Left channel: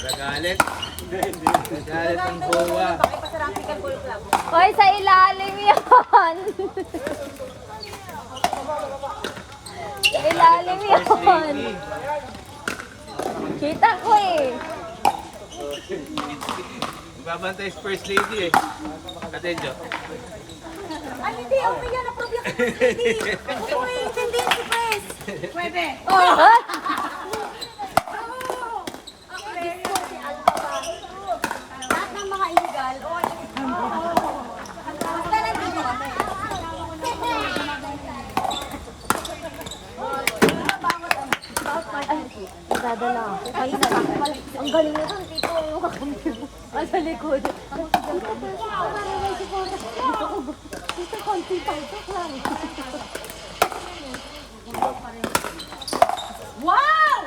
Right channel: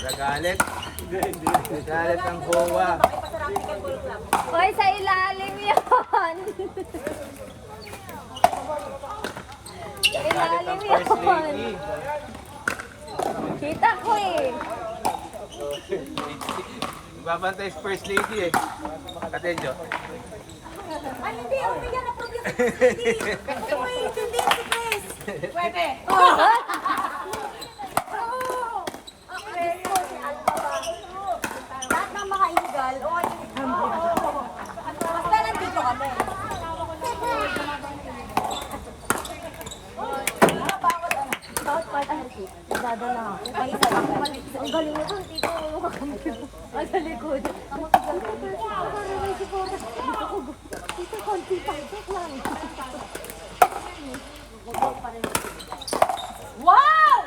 Nagalit. Nagalit ang bowa. Hoy, sa ilalim yan. Sa Nagalit ang ilalim first lady. yan. Kita ko eh. Babantay sa first lady eh. Katenjo. Ay, hindi. Okay yan. Ang problema ko hindi. Okay, hindi si Chris. Pwede. Oh. Diyos ko, si Alba ba? Lahat ng mga illegal, basta nandito kami. Bawat partner ko, dadala ako. May isa pa mali. Ang galing na doon, dito ang mga sa likod. Wow!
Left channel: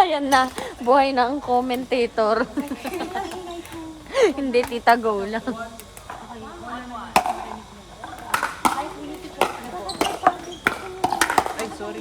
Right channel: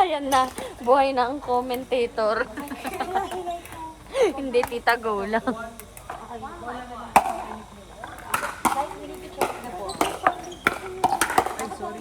Ayan na, buhay na ang commentator. Hindi tita go lang. Ay, sorry.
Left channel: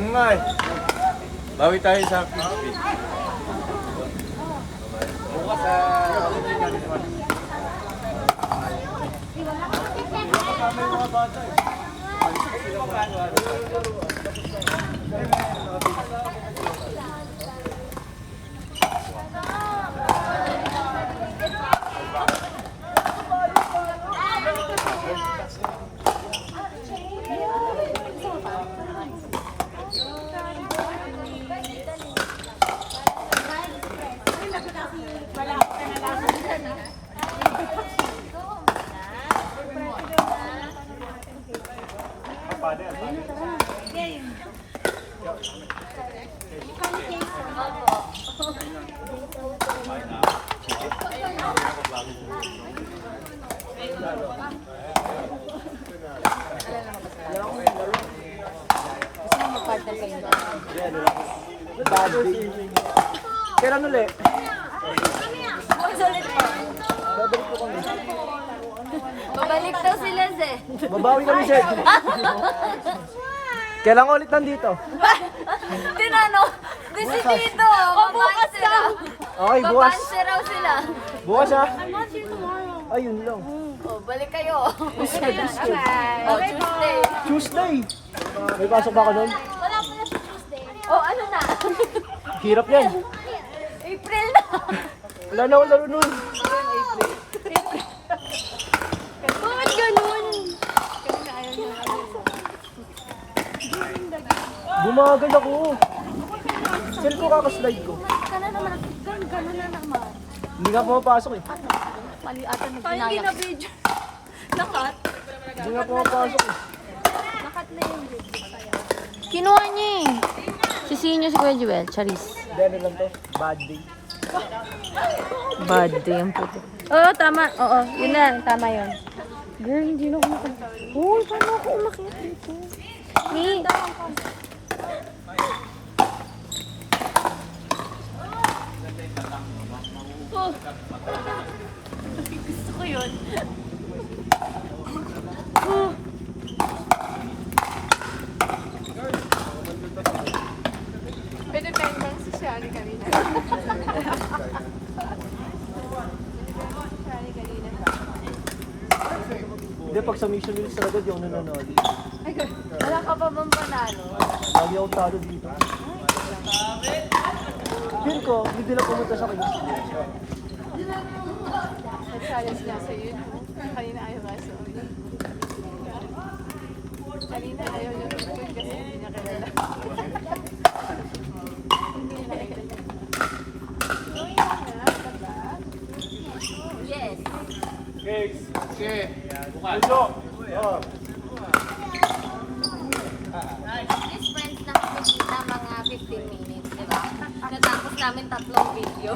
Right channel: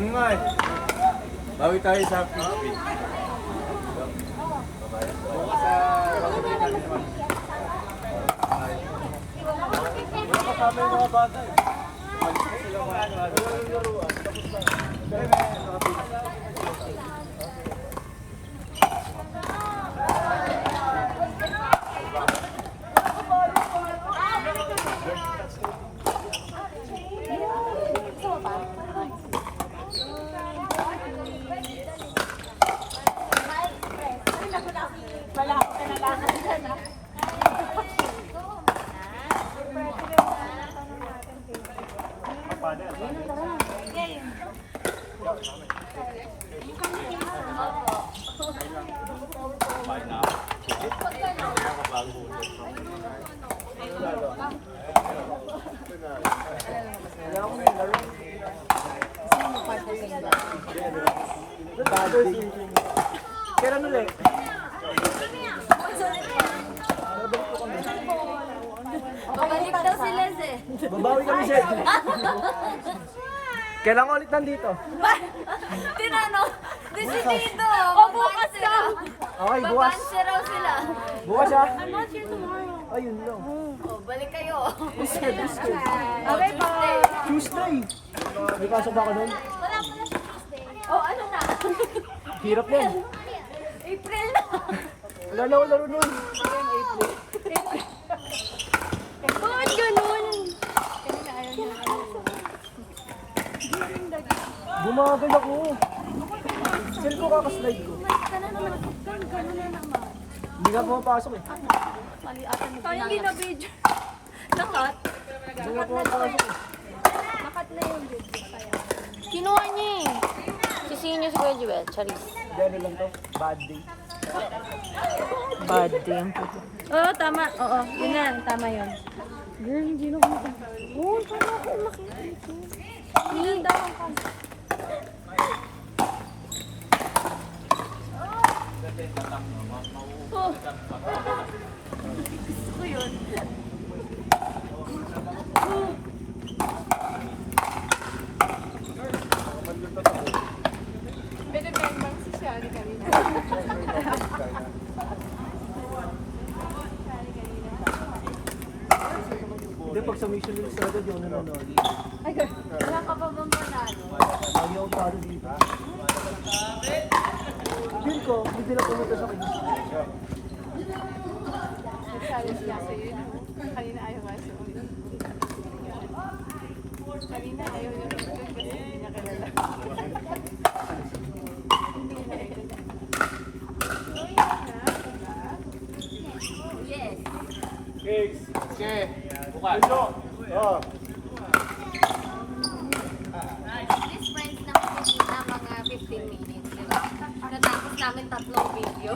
Ngay. Bawi tayo sa Fishpit. Kailan ulit? Sulit pa. Babalik daw sila eh. Babawi kami, Sir. Kailan ka ulit nandito? Tinano, decidido. O, bukas lang. Okay, bukas. Babanse raw sila. Bukas ha? I'm not here tomorrow. Ayun lang. O, balik kayo. Okay po. Tuesday. May pasok ba ka nun? O, ano na? Hirap yan. April na. Wala na ako laro nun. Bakit ganun? Bumagal ako. Saan ko kakaslide ko? Ganun na naman. Hindi nga pumapasok eh. Kaya hindi na video. Nakat. Hindi nga pumapasok eh. Nakat na yung video. Kaya. Kinuha niya eh. Sisihin niyo si Kuya Joel, Charis. Dahil lang to. Bad day. Bad day ang puto. Oo, tama. Oo, yun lang. Tama yun. Girl, hindi na ako makita. Uy, kaya ako umakit dito. Nandahan ka. Oh. Gusto ko yun. Oh. Pwede na yung social ka. sa Mission Hills talaga, di ako nanonood. Ay, wala ka pa bang panalo? Lagi ako talo dito. Yun ko, hindi na pumunta sa kanya. Okay. Bukas. This friends na kami na mga 15 minutes. Natapos namin 3 video.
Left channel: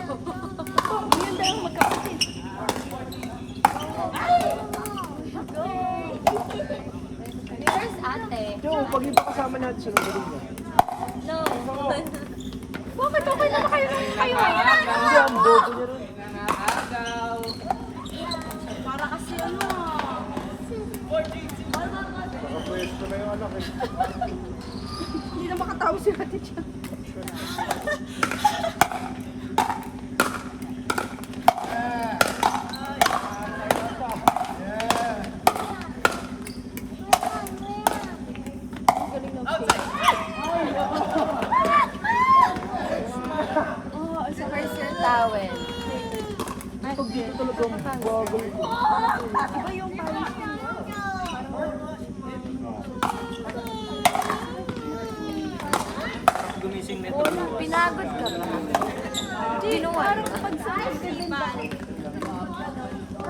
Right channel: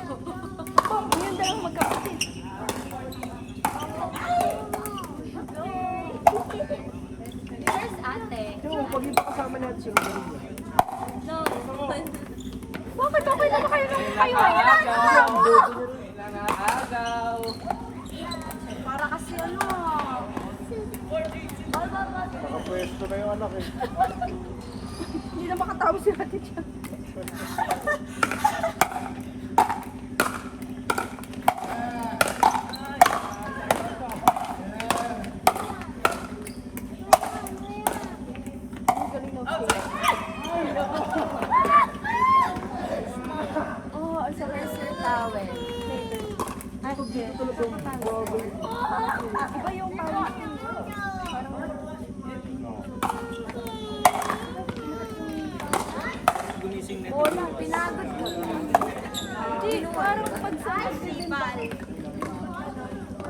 Yun daw ang magkapatid. Where's ate? Yung, pag iba kasama natin sa nagaling niya. No. Bakit okay na ba kayo nung kayo? Hindi, ang bobo niya rin. Para kasi ano. Nakapwesto na yung anak ko. Hindi na makatawa si ate dyan. Ang galing ng face. Oh, ang sakit sa towel. Ay, Pag dito talagang bagal. iba yung pawis ko. Parang Gumising na. bola, pinagod ka ba? Hindi, parang pagsakit ka din ba?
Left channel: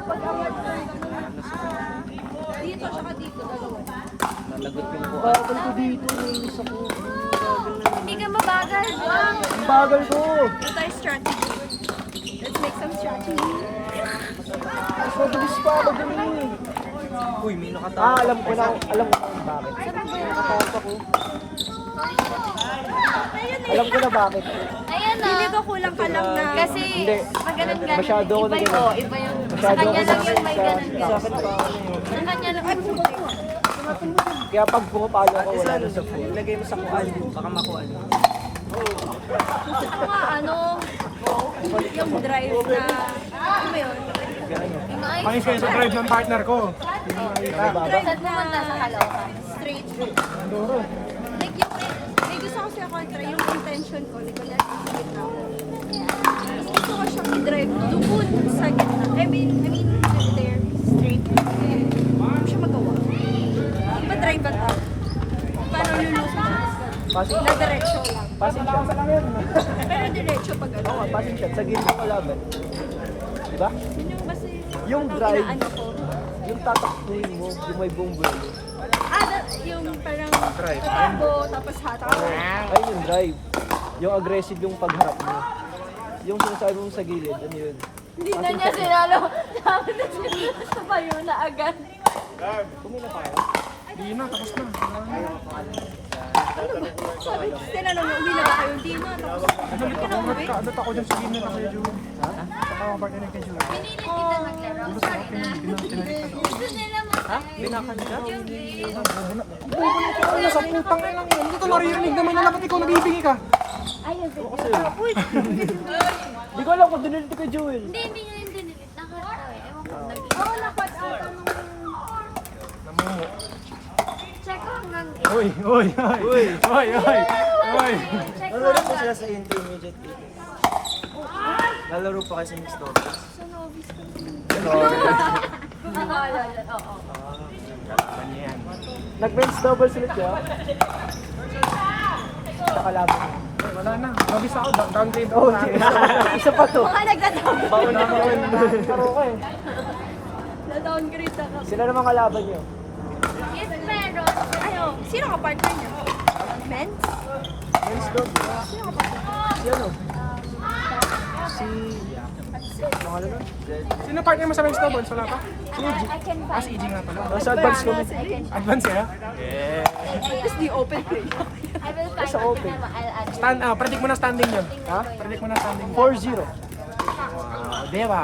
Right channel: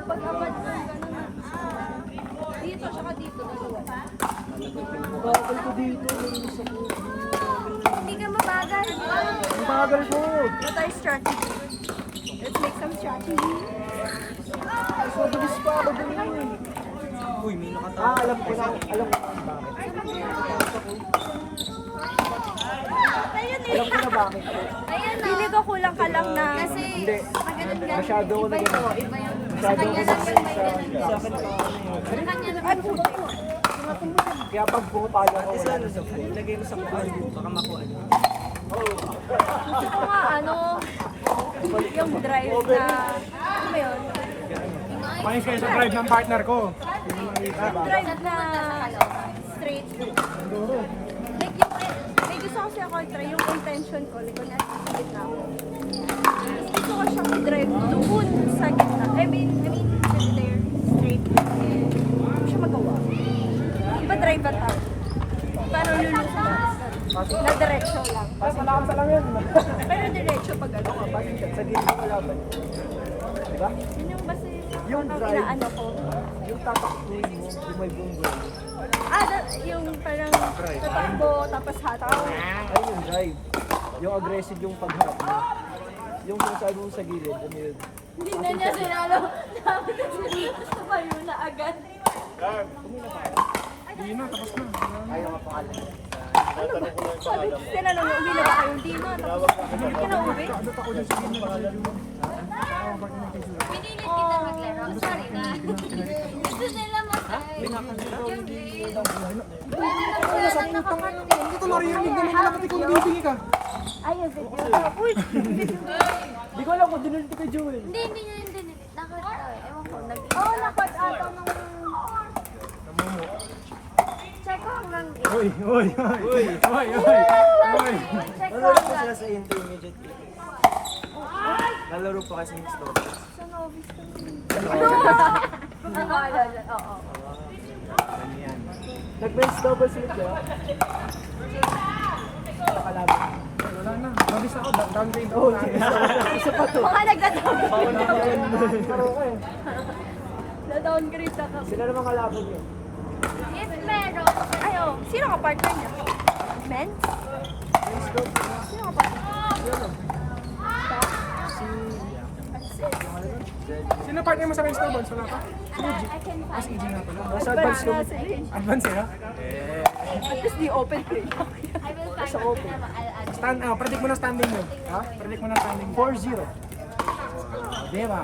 Pag awad ka ganun. Dito, saka dito, dalawa. Bagal ko dito, nainis ako. Hindi ka mabagal. Ang bagal ko! What are strategy? Let's make some strategy. Mas mabilis pa ako dun eh. Uy, may nakatawa. Alam ko kung bakit. Nakatawa ko. Ayun eh. Alam ko na bakit. Ayan na. Hindi ba kulang ka lang na... Kasi Hindi. maganon-ganon. Masyado ako na Iba ganun. yun. Iba yun. Sa Masyado kanya ako lang yun may sa ganon-ganon. backside. Sa kanya lang. Ay, putik. Kaya pag pumapalo ako, wala na sa phone. Lagay mo sa kuwan. Baka makuha. Gusto ko nga, ano, yung drive na... Ano ba yun? Pangis kayo sa drive ng partner ko. Yung drive na straight. Doro. Like yung... May gusto kasi ako i-try yung intention ko. Like, kung nasa gitna ako. Tapos gusto ko siyang i-drive doon sa gitna. I mean, there, straight. Hindi ko siya magawa. Iba drive ba tao? Paano lulusong na diretso lang. Pasalakas lang yun. Pero diretso pag ano. Passing shot, sa gilid ko laban. Diba? Yun yung basta Yung parang drive. inaano ko. Yung tatakbuhin mo, yung may bumbelo. Yung parang tatakbo, tapos hataw. Ay, yung drive. Yung aggressive yung pagharap mo. Yung sinasabi mo sa gilid, ano yun? Hindi na niya sinalo. Dapat na sinalo sa payo na agad. Hindi na, tapos na. Ano ba? Sabi, tinanong niya, uwi na ba kayo? Hindi na. Tapos, hindi ka na uwi? Kaadot ako dyan sa gym na kay June. Saka ang partner kay June. Oh, Ano sa putang ina lang yan? Hindi ko naririnig naman nila pati kung nabibingi ka. ayun, video. Uy! Di ko alam kung dinilito kay Jewel. Hindi niya yung dinilit. Nakakatawa. Ewan ko. Oo, nakwat ata nung... Namumo. Check ko hanggang Uy, uy, uy. Uy, uy. Uy. Check ko Nalaro pa hanggang... sila sa intermediate. Nalaro pa kasi ng story. Sa novice ko. Oo. Nag-bench double ulit siya. Nakalaban. Ay, wala na. Nabis ako. Downgrade ako. Isa pa to. Baka nagda-downgrade. Laro ka eh. Na-downgrade na ka. Sila namang kalaban niyo. If meron, Ayo, sino ka partner niya? Men? Bench double. Sino ka partner? Yan o. Yung ano nun? Sino partner mo sa bench doubles? Wala pa? I can Ah, find si EG nga pala. Nasa advance ko. na sila. Advance eh. At least di open play. I will find Sa open. I'll Predict mo na standing yun. Ha? Predict mo na standing. 4-0. Diba?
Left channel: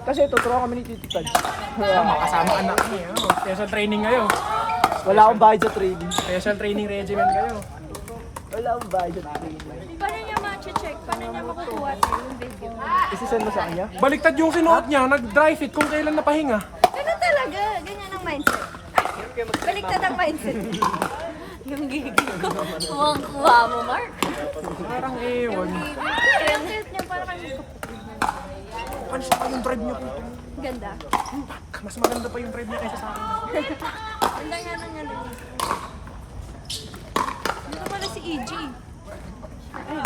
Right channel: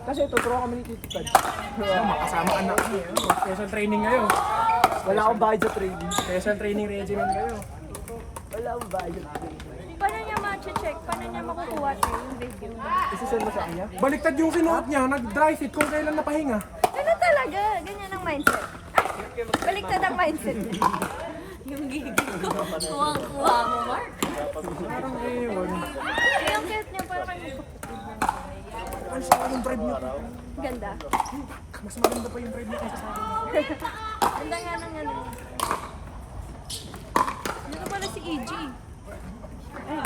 Kasi tuturo kami ni Tito Taj. Makasama anak niya. Special training kayo. Wala akong bayad sa training. Special training regimen kayo. Wala akong bayad sa training. Paano niya ma-check? Paano niya makukuha tayo yung video? Isisend mo sa kanya? Baliktad yung sinuot niya, nag-dry fit kung kailan napahinga. Ganun talaga. Ganyan ang mindset. Baliktad ang mindset niya. Yung gigil ko. Mukhang kuha mo, Mark. Parang ewan. Eh, ang cute niya, para kayo magkapatid. Ano siya yung drive niya po? Ganda. Mas maganda pa yung drive niya kaysa sa akin. Ganda nga ng ano niya. Dito pala si EG. Wala.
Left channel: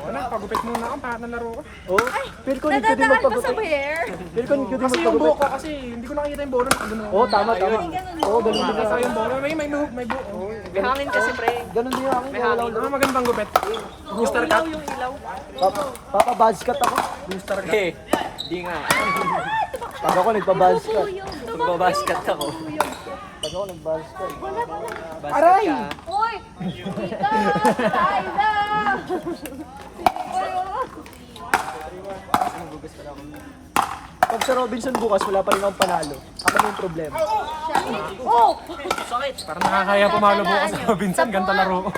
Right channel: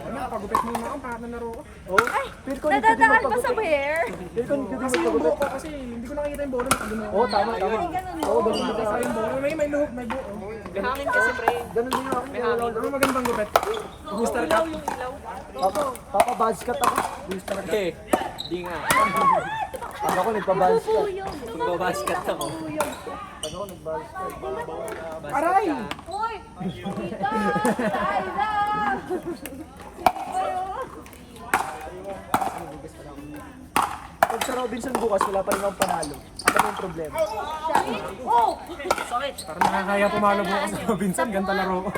Wala, pagupit muna ako, para nalaro ko. Oh, feel ko hindi Nadadaan pa magpagupit. sa bear. Feel ko hindi Kasi yung magpagupit. buhok ko, kasi hindi ko nakikita yung bola, nakagano. Oo, tama, tama. Ay, ganun mo. Oo, ganun din Nakita ako. yung bola, may buhok, may buhok. Hangin kasi, pre. Ganun din ako. Kaya wala Ano magandang gupit? Booster cut? Papa-badge cut ako. Booster cut. Eh, di nga. Pag ako nagpa-badge cut. Pupuyog. Magbabasket ako. Pupuyog. Pag ako nag-badge cut. Aray! Uy! Tita! Ayla! Pag sa Robinson bukas, wala pa rin akong panalo. Ano yung problema? Parang nakakaya pumalo bukas sa Robinson, ganda laro ko.